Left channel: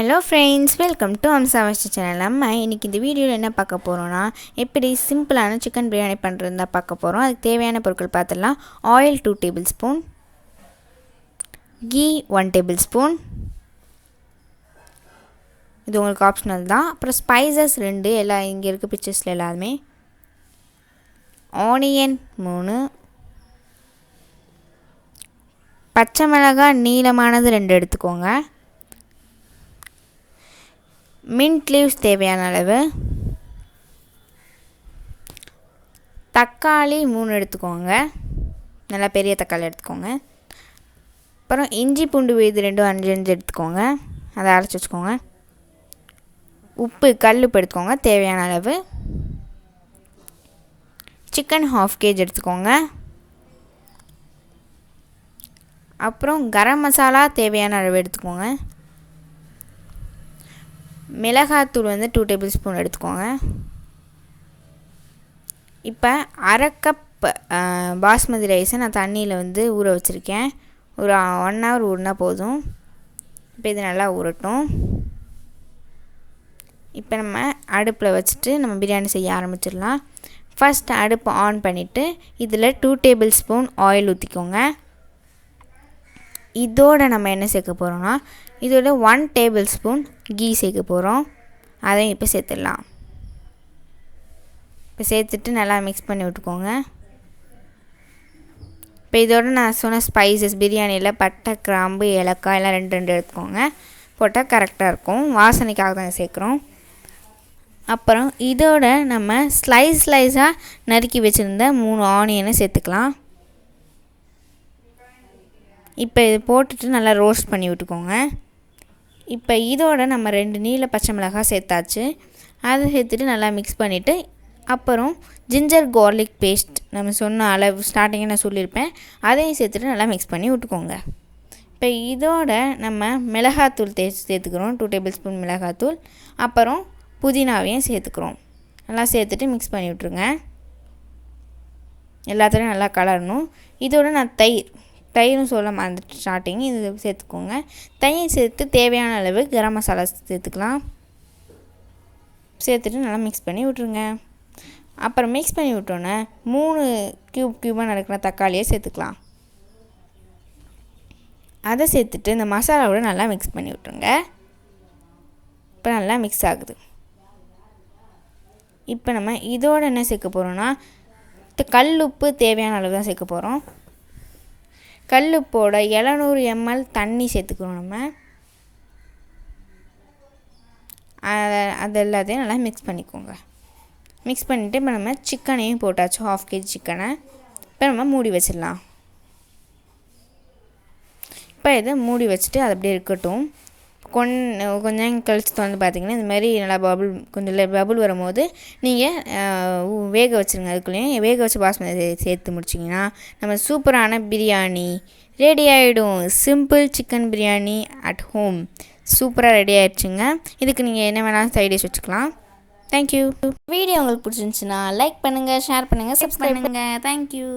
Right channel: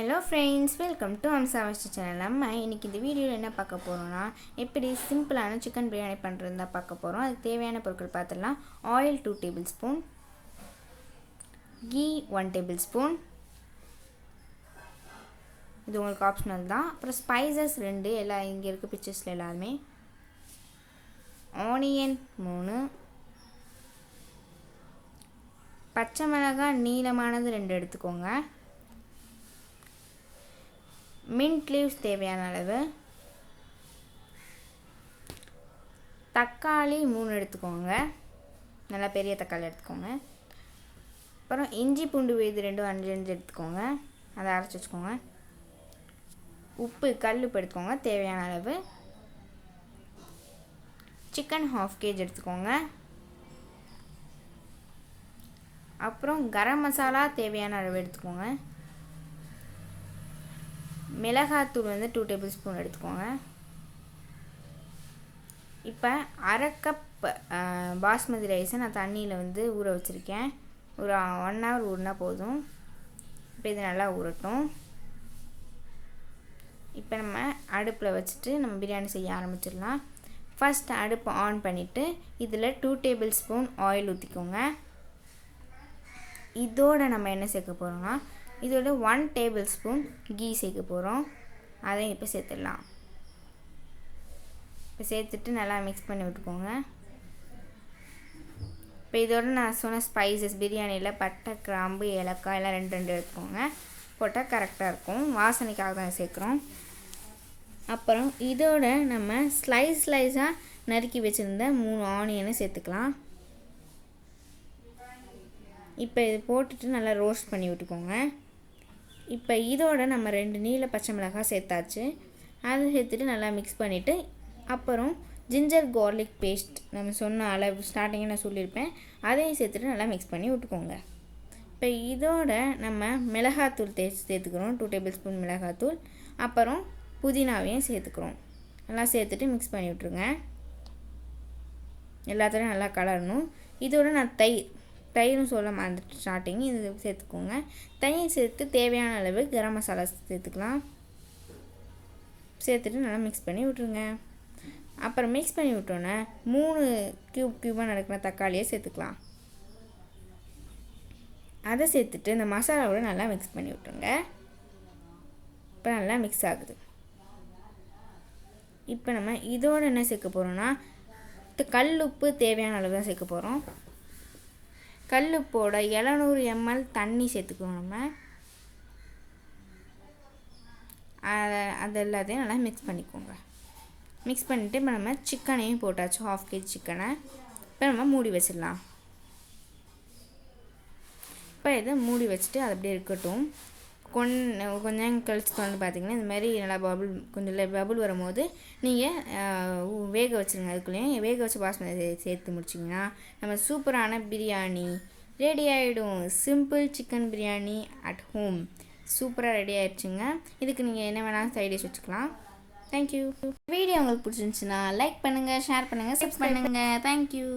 Hello friends, welcome to அம்சாவஸ்ட் channel. நம்ம இன்றைக்கி இந்த வீடியோவில் என்ன பார்க்க போகிறோன்னா, எப்படி சிம்பிளான சிக்கன் பிரியாணி பண்ணுறது தான் பார்க்க போகிறோம். அதுக்கு தேவையான பொருட்கள் பார்த்துடலாம். Oil 2 tablespoon, ghee 1 tablespoon, இது உங்களுக்கு ஆப்ஷனல் தான். அப்புறம் ஸ்பைசஸ் 2, எல்லாம் இங்கே இருக்க பிக்சர்ஸில் எல்லாருமே. ஆனியன் 3, பச்சை மிளகாய் நீளமானது 2 எடுத்துக்கோங்க. மின்ட் லீவ்ஸ் தேவையான அளவு, தக்காளி 3 எடுத்துக்கோங்க, நல்லா பெரிய தக்காளி எடுத்துக்கோங்க. அப்புறம் இஞ்சி பூண்டு விழுது 2 5 எடுத்துக்கோங்க, அதை அரைச்சி வச்சுக்கோங்க. உப்பு கல்லுப்பு எடுத்துக்கோங்க தேவையான அளவு. சிக்கன் 1/2 kg எடுத்துக்கோங்க. அப்புறம் கரம் மசாலா தேவையான அளவு எடுத்துக்கோங்க. மிளகாத்தூள் 2 டேபிள் ஸ்பூன் எடுத்துக்கோங்க. இப்போ அரை கப் பாஸ்மதி ரைஸை நான் தண்ணியில் ஊற வச்சுருக்கேன். ஒரு 1 hour ஊறினா போதும். இப்போ இது நல்லா ஊறட்டும். இப்போ நம்ம அடுப்பில் வச்சுட்டு நம்ம பிரியாணி செய்ய ஆரம்பிச்சிடலாம். ஃபஸ்ட் அடுப்பு ஆன் பண்ணிவிட்டு இதில் 2 டேபிள் ஸ்பூன் ஆயில் ஊற்றிக்கோங்க. இதோடு நம்ம என்ன சேர்க்க போகிறோம்னா, இதோட 1 டேபிள் ஸ்பூன் கீ சேர்க்க போகிறோம். அதையும் இப்போ சேர்த்துடலாம். இப்போ சேர்த்துட்டு நல்லா மிக்ஸ் பண்ணி விட்டுக்கோங்க. இப்போ இதோட நான் சொன்ன ஸ்பைசஸ் பிரியாணியில் பட்டை, கிராம்பு, ஏலக்காய் எல்லாம் 2 எடுத்துக்கோங்க. போட்டால் கரெக்டாக இருக்கும். வாசனைக்காக தான் சேர்க்குறோம். அப்புறம் இதோட நம்ம ஸ்லைஸாக நறுக்கி வச்சுருந்த 3 ஆனியனை சேர்த்துக்கலாம். இப்போ இது போட்டுட்டு நல்லா ரோஸ்ட் பண்ணி விட்டுக்கோங்க. இப்போ இதோட நம்ம 2 நீல பச்சை மிளகாய் சேர்த்தாச்சு. அதை சேர்த்துட்டு நல்லா மிக்ஸ் பண்ணிவிட்டு, அப்புறம் ஜிஞ்சர் கார்லிக் பேஸ்ட் நம்ம சொன்ன அளவு ஸ்டார்டிங்கே நான் சொல்லியிருப்பேன், அதையும் சேர்த்துட்டு நல்லா மிக்ஸ் பண்ணி விட்டுக்கோங்க. இப்போ இதோட நம்ம மிளகாத்தூள் சேர்த்துக்கிறோம். 2 டேபிள் ஸ்பூன் மிளகாத்தூள். அப்புறம் புதினாவையும் சேர்த்துக்கிறோம். நல்லா சேர்த்துட்டு மிக்ஸ் பண்ணி விட்ருங்க. எல்லாத்தையும் நல்லா கலரணும். இதோட நான் தயிரும் சொல்ல மறந்துட்டு ஸ்டார்டிங், இது சேர்த்துக்கோங்க. தயிர் சேர்த்து தேவையான அளவு கரம் மசாலா சேர்த்துக்கலாம். சேர்த்துட்டு நல்லா மிக்ஸ் பண்ணி விட்ருங்க. அப்புறம் மிக்ஸ் பண்ணி விட்டோன்னே 3 க்யூபாக நறுக்கிற தக்காளியை சேர்த்துக்கலாம். அதை சேர்த்துட்டு இந்த மசாலாவோட நல்லா மிக்ஸ் பண்ணி விட்ருங்க. இப்போ நல்லா மிக்ஸ் ஆகுது. இப்போ நம்ம இதோட என்ன சேர்க்க போகிறோன்னா, கல்லுப்பு தேவையான அளவு தான் சேர்க்க போகிறோம். கல்லுப்போட 700 ml தண்ணி சேர்த்துக்கிறோம். நம்ம அது எல்லாத்தையும் நல்லா மிக்ஸ் பண்ணிக்கோங்க. மிக்ஸ் பண்ணிவிட்டு இப்போ நம்ம சிக்கனையும் போட்டாச்சு. 1/2 kg சிக்கனை இப்போ நம்ம மூடி வச்சிடலாம். இப்போ இதை மூடி வச்சுட்டு அது அப்படியே இருக்கட்டும். கொஞ்சம் கழிச்சு பார்த்திங்கன்னா இந்த மாதிரி நல்லா பபுள் வரும்போது நீங்கள் வேக வச்சுருங்க. அதுக்குள்ளேயும் வேக வச்சு பாஸ்மதி சேர்த்து முடிச்சிங்கன்னா நம்ம சூப்பரான பிரியாணி ரெடி ஆகிடும். Simple chicken biryani at home சூப்பராக ரெடி ஆகிடுச்சுங்க. இதுக்கு நீங்கள் என்ன வேணாலும் சைட் டிஷ் வச்சுக்கலாம். தேங்க்யூ. வீடியோ உங்களுக்கு பிடிச்சிருந்துச்சுன்னா லைக் பண்ணுங்கள், ஷேர் பண்ணுங்கள், சப்ஸ்கிரைப் பண்ணுங்கள். தேங்க்யூ.